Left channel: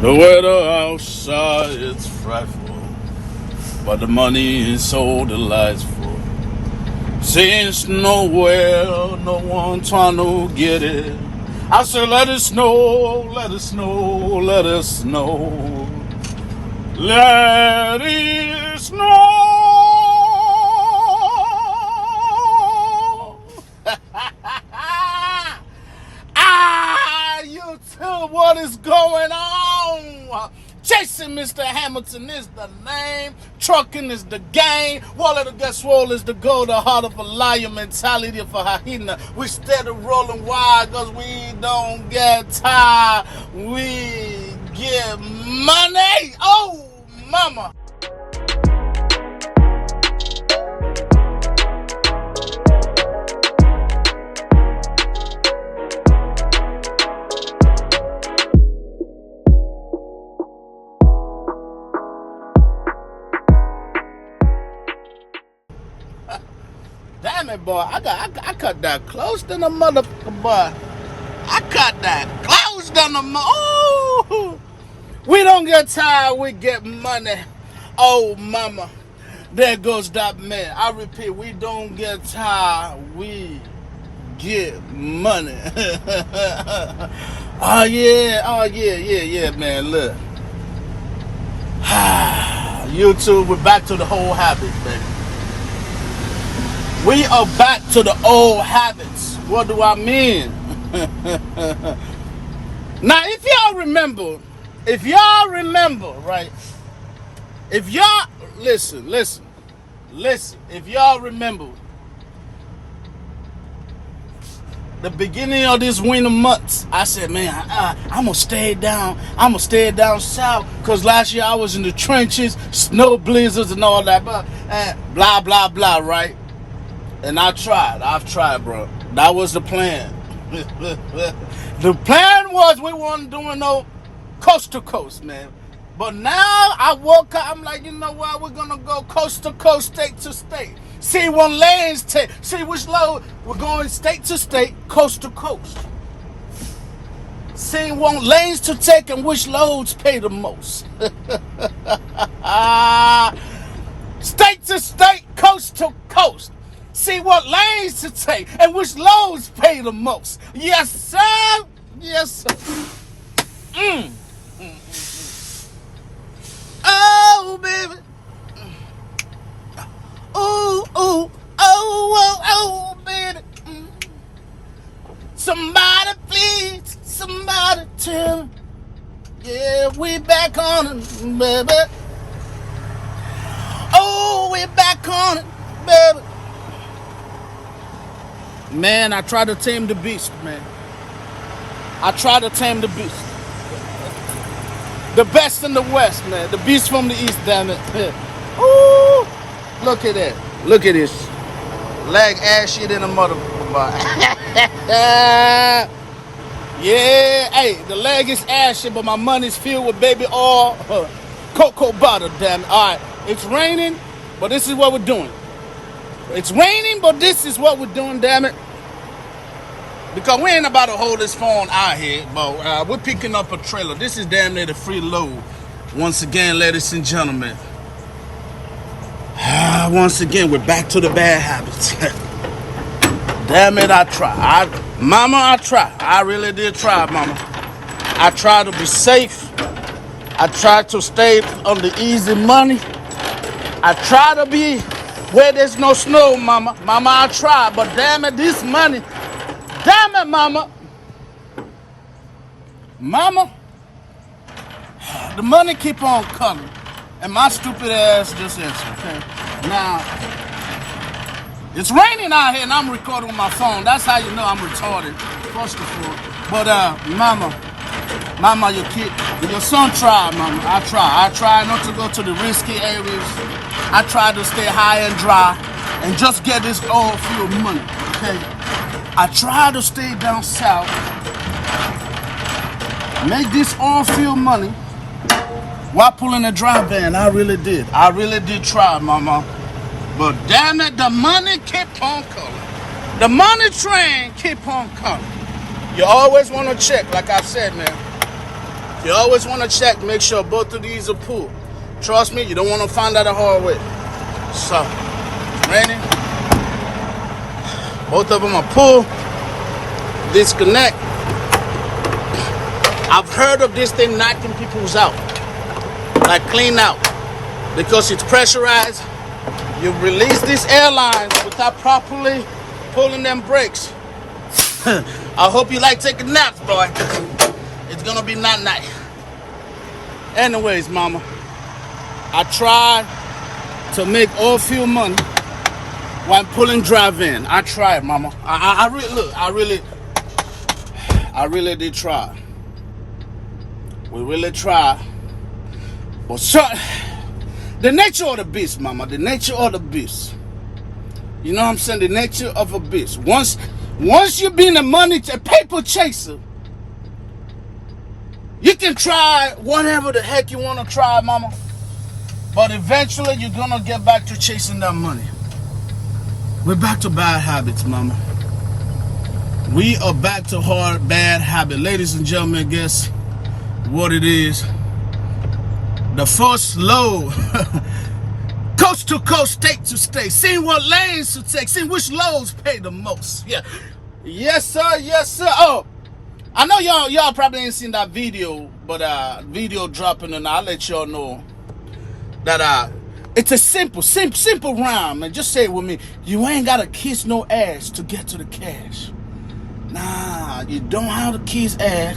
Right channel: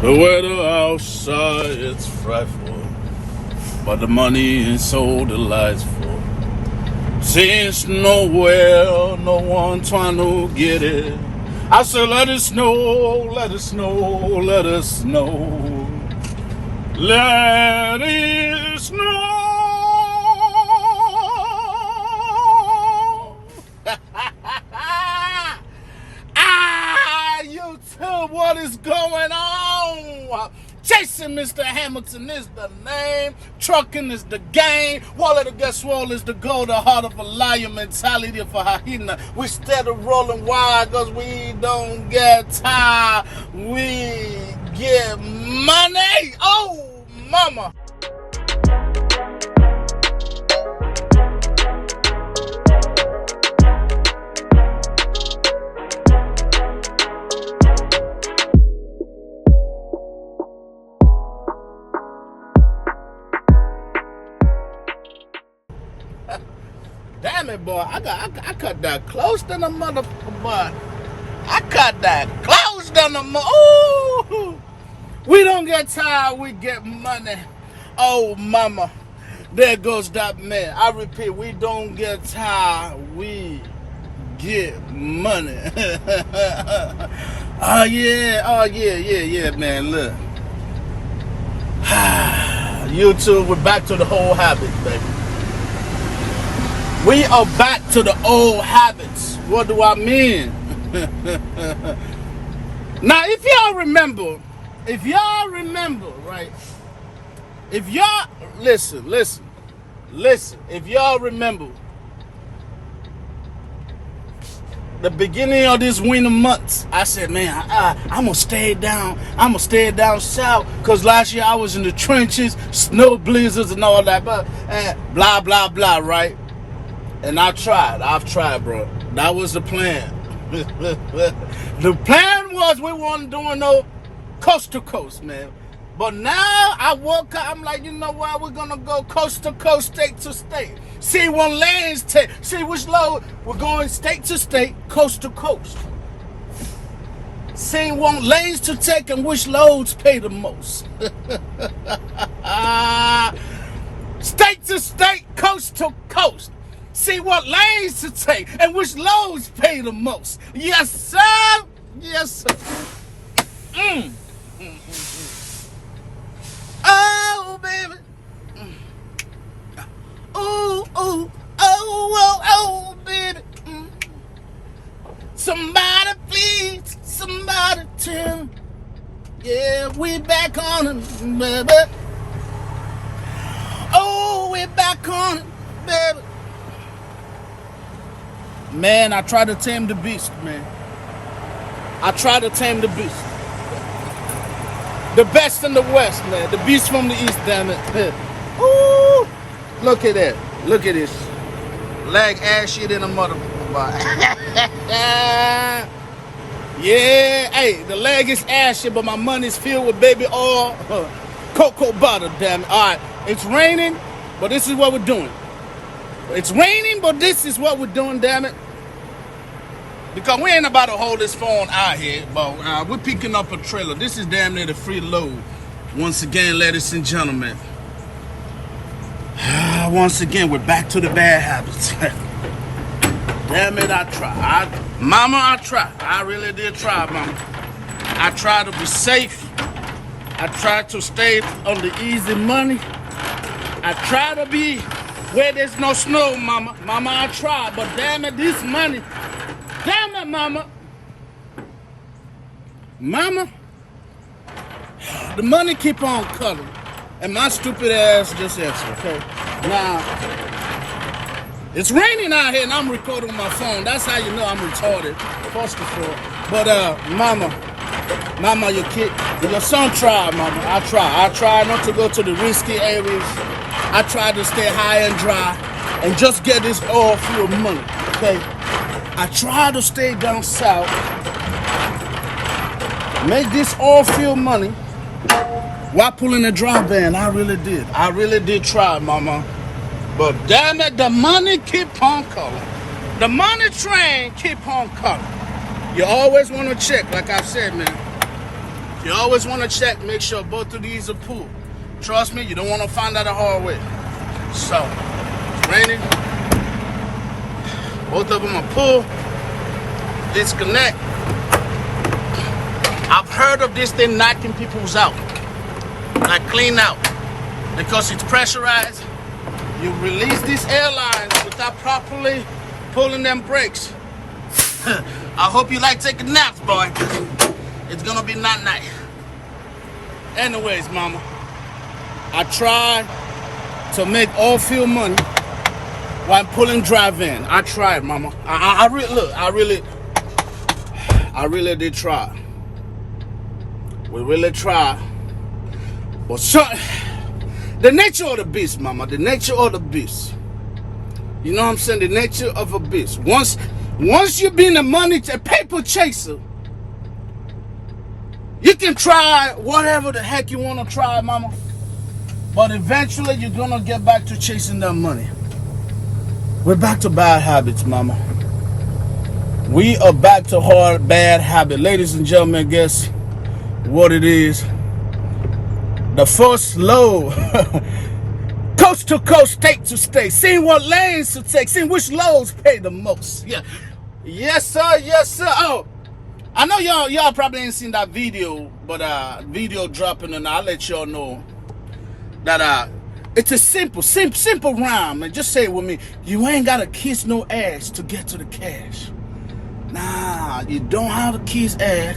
The weather outside it's frightful, but the money is so delightful. Since nowhere, no one trying to get it. I say, let it snow, let it snow, let it snow. Let it snow. YouTube, what is going on? Chasing Mr. Hamilton is the name. Trucking is the game. Wallet of guess roll is the goal. The heart of a lion, mentality of a hyena. We steady rolling wide because we don't get tired. We get money. Oh, mama. Damn it, boy. I cut that close to the motherfucker, boy. I cut that close to the ooh. We don't get tired, we get money. Oh, mama. There goes that man. I repeat, we don't get tired, we get money. Oh, yeah, man. Look. YouTube, we're back to the whole habit, baby. We are back to the old habits. What do I mean? Now, if y'all remember, right? If y'all, listen. If y'all remember, the beginning of this winter months, I said, man, I'm going to stay down south. Because last year I was in the trenches, snow blizzards and all that, and blah, blah, blah, right? And I've tried, bro. That was the plan. The plan was we weren't doing no coast to coast, man. But now I woke up, I'm like, you know what? We're going to go coast to coast, state to state. See what lanes take. See which load. We're going state to state, coast to coast. See what lanes to take and which loads pay the most. State to state, coast to coast. See what lanes to take and which loads pay the most. Yes, sir. Yes, sir. Oh, baby. Oh, baby. Somebody please, somebody tell me. Yeah, we back on it, baby. Oh, we back on it, baby. Man, I try to tame the beast, man. I try to tame the beast. The best in the West, man. The beast from the East, damn it. Ooh, look at that. Look at this. Leg ass shit in the motherfucker. Yeah, hey, the leg is ass shit, but my money's filled with baby oil. Cocoa butter, damn it. All right, it's raining, but this is what we're doing. It's raining, but this is what we're doing, damn it. Because we ain't about to hold this phone out here, but we're picking up a trailer. This is damn near the free load. Once again, ladies and gentlemen. Once again, we're back to the bad habits. Damn it, I try. Mama, I try. I really did try, mama. I tried to be safe. I tried to stay on the easy money. I try to be where there's no snow, mama. Mama, I try, but damn it, this money. Damn it, mama. Mama, the money keep on coming. And my stupid ass just answered, okay? Now, it's raining out here and I'm recording with my phone. That's how you know I'm retarded, first of all. But, mama, your son tried, mama. I try not to go to the risky areas. I try to stay high and dry and just get this oil field money, okay? I try to stay down south, make this oil field money while pulling a dry van. I really did try, mama. But damn it, the money keep on calling. The money train keep on calling. You always want to check, like I said, man. You always want to check, make sure both of these are pulled. Trust me, you don't want to find out the hard way. So, raining. Both of them are pulled. Disconnect. I've heard of this thing knocking people's out, like clean out, because it's pressurized. You release these airlines without properly pulling them brakes. I hope you like taking naps, boy. It's gonna be not nice. Anyways, mama, I try to make all fuel money while pulling drive-in. I tried, mama. I really did try. We really try. But so, the nature of the beast, mama, the nature of the beast. You know what I'm saying? The nature of a beast. Once you've been a paper chaser, you can try whatever the heck you want to try, mama. But eventually you're going to get back to chasing that money. We're back to bad habits, mama. We are back to hard, bad habit. Ladies and gentlemen, guess what it is? The first load, coast to coast, state to state, seeing what lanes to take, seeing which loads pay the most. Yeah, yes sir, yes sir. Oh, I know y'all probably ain't seen that video, but video dropping, and I'll let y'all know that it's a simple rhyme, and just say it with me. You ain't gotta kiss no ass to get to the cash. Nah, you don't have to kiss ass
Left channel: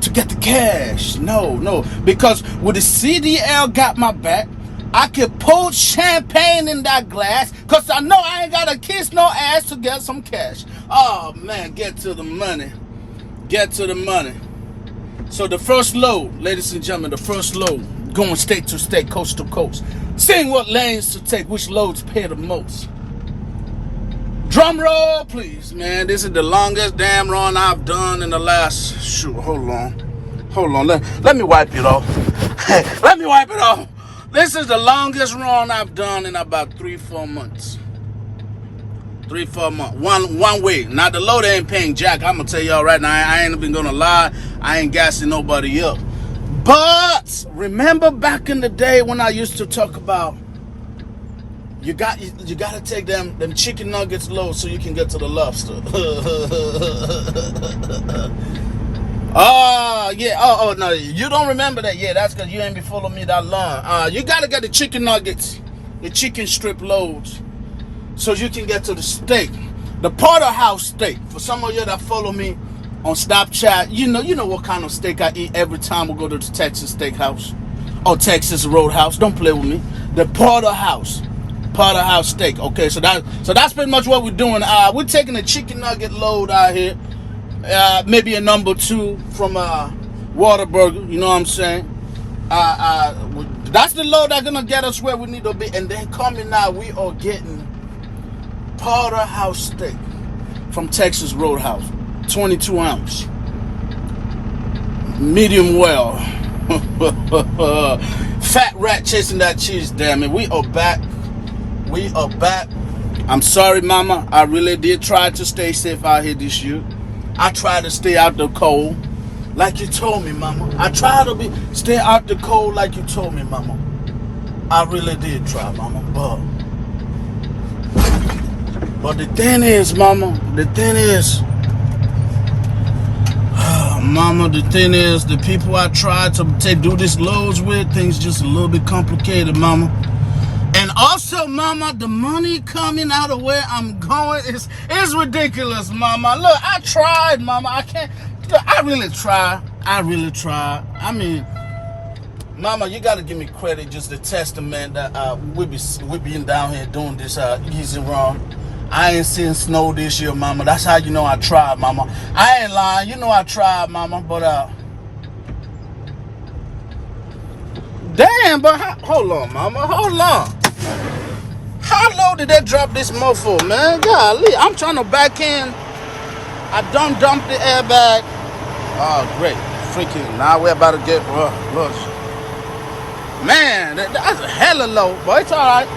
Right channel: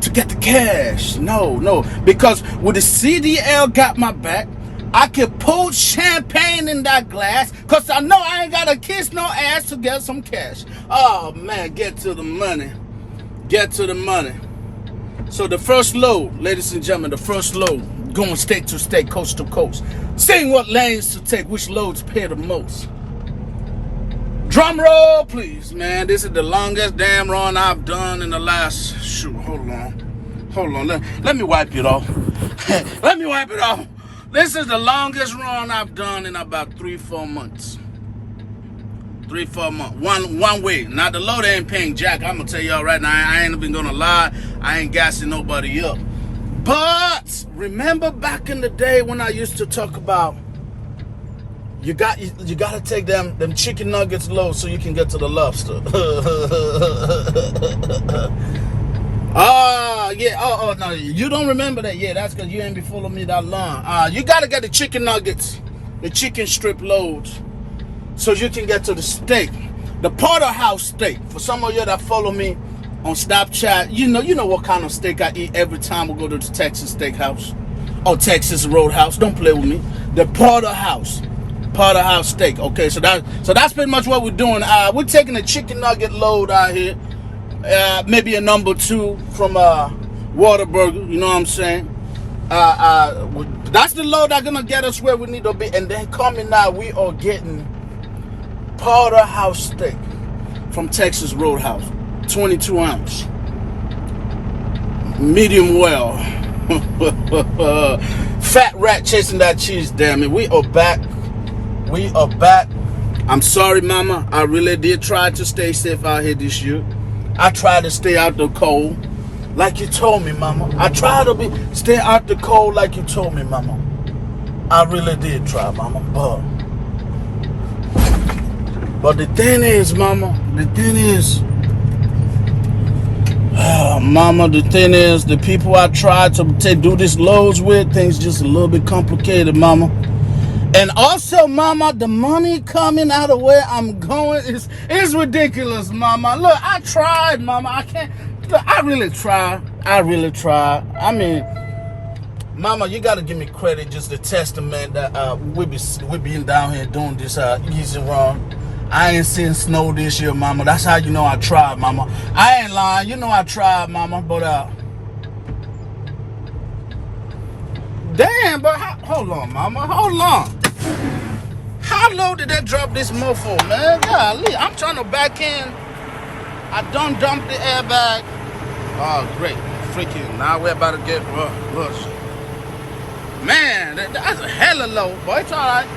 to get the cash. No, because with the CDL got my back, I can pour champagne in that glass, because I know I ain't gotta kiss no ass to get some cash. Oh man, get to the money. Get to the money. So the first load, ladies and gentlemen, the first load, going state to state, coast to coast, seeing what lanes to take, which loads pay the most. Drum roll, please, man. This is the longest damn run I've done in the last, shoot, hold on. Let me wipe it off. Let me wipe it off. This is the longest run I've done in about 3-4 months. 3-4 months. One way. Now, the loader ain't paying jack. I'm going to tell y'all right now, I ain't even going to lie. I ain't gassing nobody up. But remember back in the day when I used to talk about you got to take them chicken nuggets low so you can get to the lobster. Yeah. Oh no, you don't remember that? Yeah, that's because you ain't been following me that long. You got to get the chicken nuggets, the chicken strip loads, so you can get to the steak, the porterhouse steak. For some of you that follow me on Snapchat, you know what kind of steak I eat every time we go to the Texas Steakhouse or Texas Roadhouse. Don't play with me. The porterhouse steak. Okay, so that's pretty much what we're doing. We're taking a chicken nugget load out here, maybe a number 2 from Whataburger. You know what I'm saying? That's the load that's gonna get us where we need to be. And then coming out, we are getting porterhouse steak from Texas Roadhouse, 22 ounce, medium well. Fat rat chasing that cheese. Damn it, we are back. We are back. I'm sorry, mama. I really did try to stay safe out here this year. I tried to stay out the cold like you told me, mama. I tried to stay out the cold like you told me, mama. I really did try, mama. But the thing is, mama, mama, the thing is, the people I tried to do these loads with, things just a little bit complicated, mama. And also, mama, the money coming out of where I'm going is ridiculous, mama. Look, I tried, mama. I can't. Look, I really try. I mean, mama, you gotta give me credit, just the testament that we been down here doing this easy run. I ain't seen snow this year, mama. That's how you know I tried, mama. I ain't lying. You know I tried, mama. But damn, but hold on, mama. Hold on. How low did they drop this mofo, man? Golly, I'm trying to back in. I done dumped the airbag. Oh, great. Freaking, now we're about to get look. Man, that's a hella low, but it's all right.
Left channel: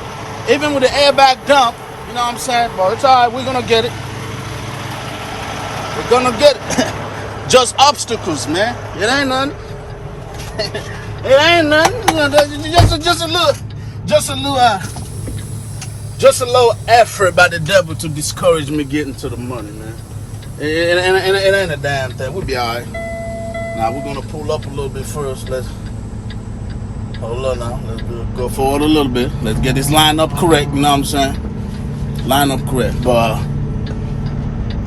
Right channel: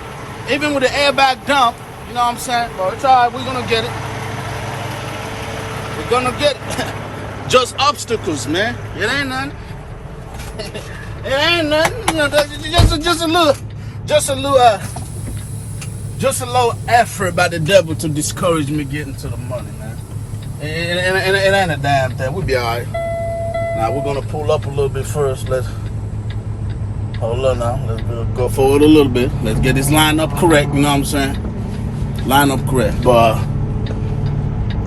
Even with the airbag dump, you know what I'm saying? But it's all right. We're going to get it. We're going to get it. Just obstacles, man. It ain't nothing. It ain't nothing. You know, just a little effort by the devil to discourage me getting to the money, man. It ain't a damn thing. We'll be all right. Now we're gonna pull up a little bit first. Let's hold on now. Let's go forward a little bit. Let's get this line up correct. You know what I'm saying? Line up correct. But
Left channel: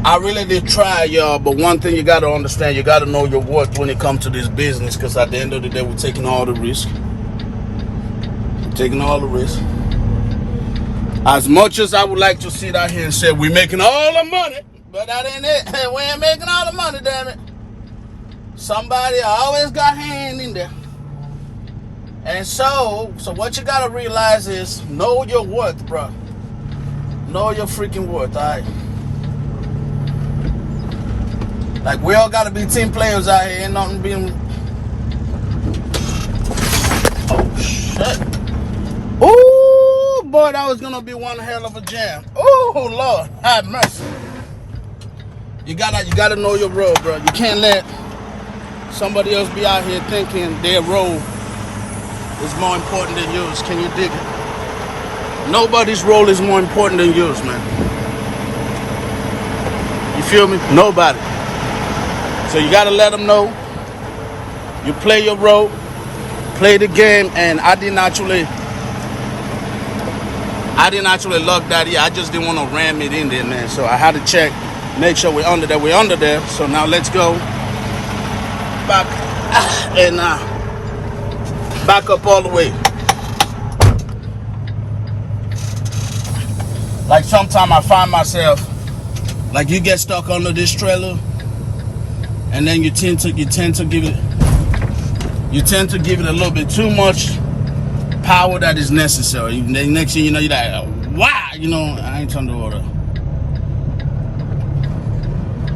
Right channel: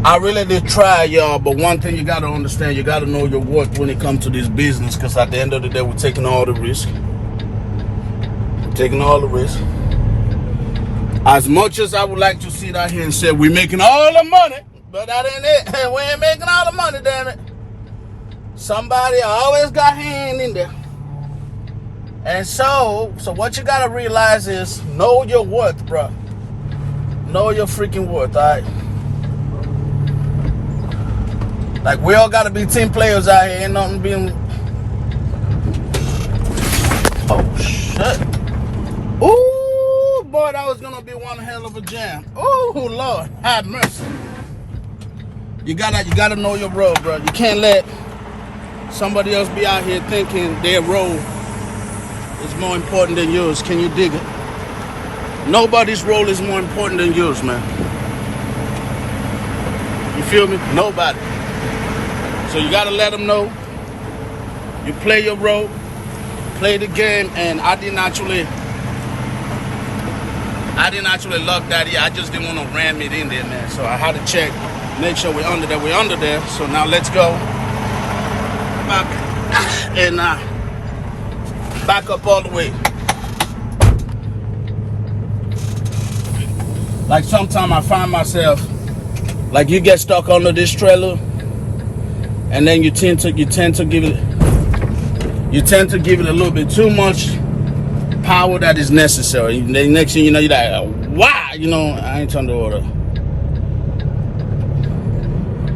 I really did try, y'all. But one thing you gotta understand, you gotta know your worth when it comes to this business. Because at the end of the day, we're taking all the risk. We're taking all the risk. As much as I would like to sit out here and say we're making all the money, but that ain't it. We ain't making all the money, damn it. Somebody always got hand in there. And so what you gotta realize is know your worth, bro. Know your freaking worth, all right? Like, we all gotta be team players out here. Ain't nothing being... Oh, shit. Ooh, boy, that was gonna be one hell of a jam. Oh, Lord, have mercy. You gotta know your role, bro. You can't let somebody else be out here thinking their role is more important than yours. Can you dig it? Nobody's role is more important than yours, man. You feel me? Nobody. So you gotta let them know you play your role, play the game, and I didn't actually lock that here. I just didn't want to ram it in there, man. So I had to check, make sure we're under there. We're under there. So now let's go back and back up all the way. Like sometimes I find myself, like you get stuck under this trailer, and then you tend to give it a little bit too much power that is necessary. And then next thing you know, you're like, why? You know, I ain't trying to order.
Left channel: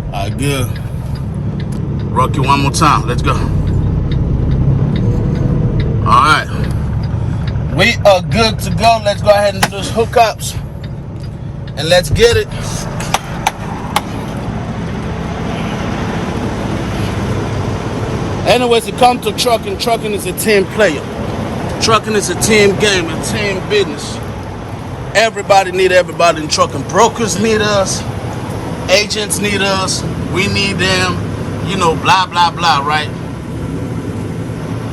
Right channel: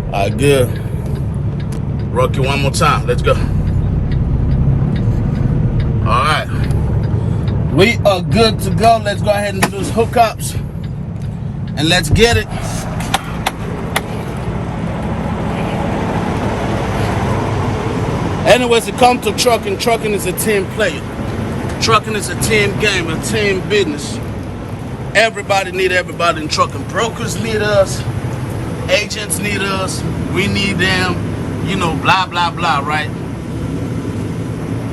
All right, good. Rock you one more time. Let's go. All right. We are good to go. Let's go ahead and do those hookups. And let's get it. Anyways, it comes to trucking. Trucking is a team player. Trucking is a team game, a team business. Everybody need everybody in trucking. Brokers need us. Agents need us. We need them. You know, blah, blah, blah, right?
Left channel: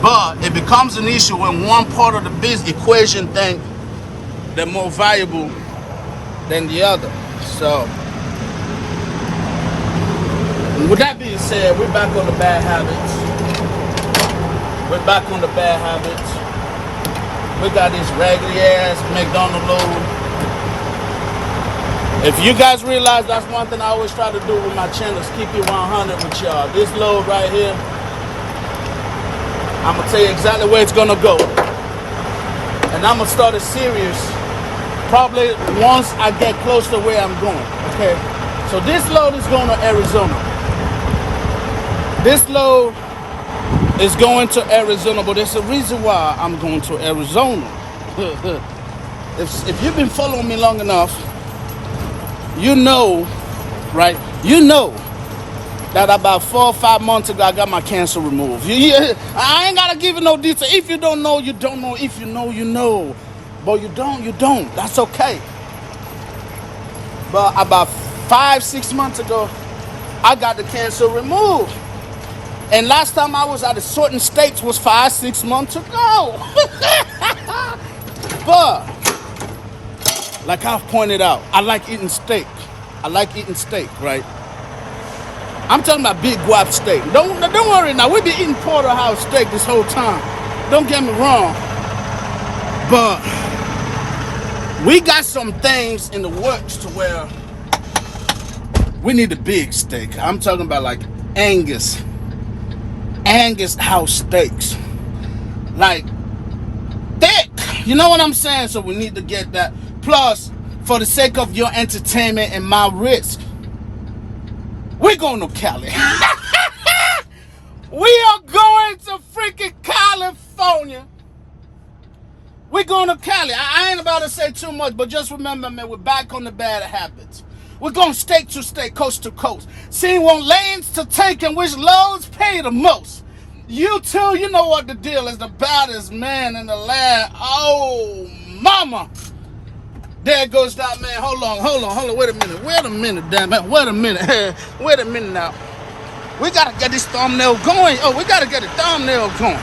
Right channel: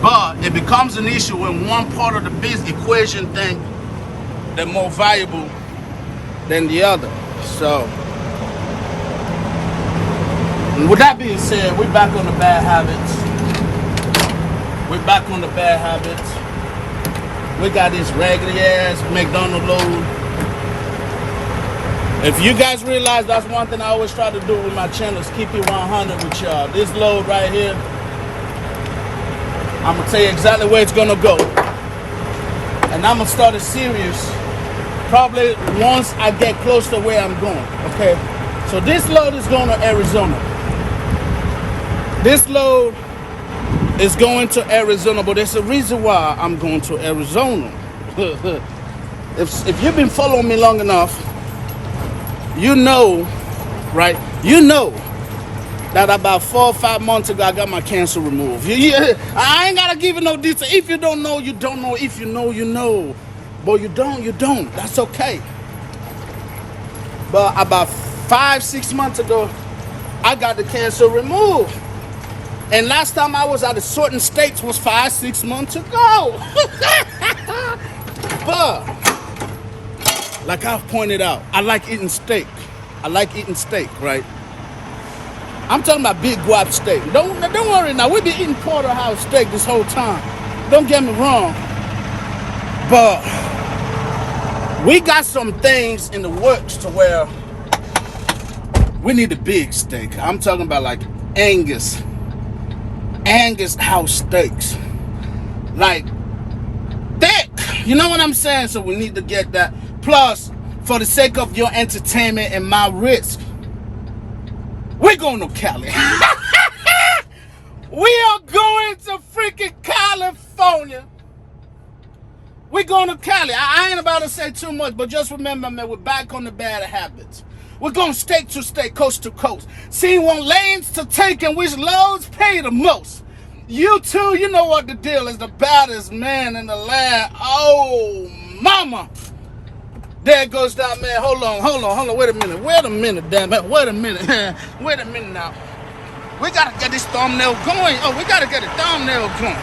But it becomes an issue when one part of the business equation thinks they're more valuable than the other. So, with that being said, we're back on the bad habits. We're back on the bad habits. We got this raggedy ass McDonald's load. If you guys realize, that's one thing I always try to do with my channel is keep it 100 with y'all. This load right here, I'm gonna tell you exactly where it's gonna go. And I'm gonna start a series probably once I get close to where I'm going, okay? So this load is going to Arizona. This load is going to Arizona, but there's a reason why I'm going to Arizona. If you've been following me long enough, you know, right? You know that about 4 or 5 months ago, I got my cancer removed. I ain't got to give you no detail. If you don't know, you don't know. If you know, you know. But you don't. That's okay. But about 5-6 months ago, I got the cancer removed. And last time I was at a certain states was 5-6 months ago. But, like I've pointed out, I like eating steak. Right? I'm talking about big guap steak. Don't worry now. We've been eating porterhouse steak this whole time. Don't get me wrong. But we got some things in the works to where we need a big steak. I'm talking about like Angus house steaks. Like thick. You know what I'm saying? So we need to get that. Plus, for the sake of your entertainment and my risk, we're going to Cali. We are going to freaking California. We're going to Cali. I ain't about to say too much, but just remember, man, we're back on the bad habits. We're going state to state, coast to coast. Seeing what lanes to take and which loads pay the most. YouTube, you know what the deal is. The baddest man in the land. Oh, mama. There goes that man. Hold on. Wait a minute, damn it. Wait a minute now. We gotta get this thumbnail going. Oh, we gotta get the thumbnail going.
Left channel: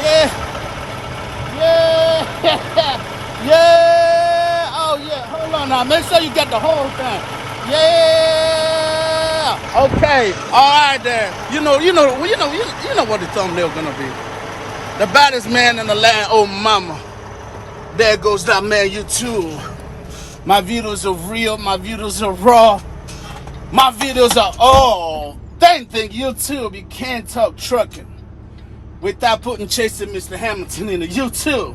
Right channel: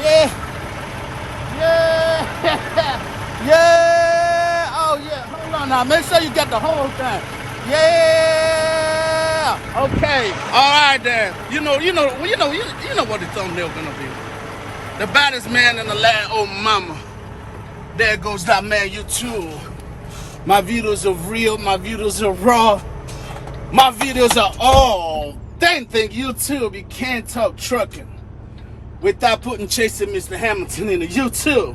Yeah. Yeah. Oh yeah. Hold on now. Make sure you get the whole thing. Yeah. Okay. All right then. You know what the thumbnail gonna be. The baddest man in the land. Oh mama. There goes that man. YouTube. My videos are real. My videos are raw. My videos are all. Think YouTube. You can't talk trucking without putting Chasing Mr. Hamilton in the YouTube.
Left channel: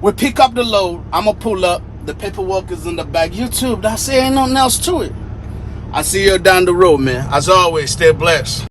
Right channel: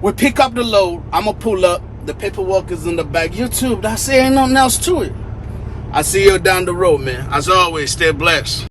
We pick up the load. I'ma pull up. The paperwork is in the back. YouTube. That's it. Ain't nothing else to it. I see you down the road, man. As always, stay blessed.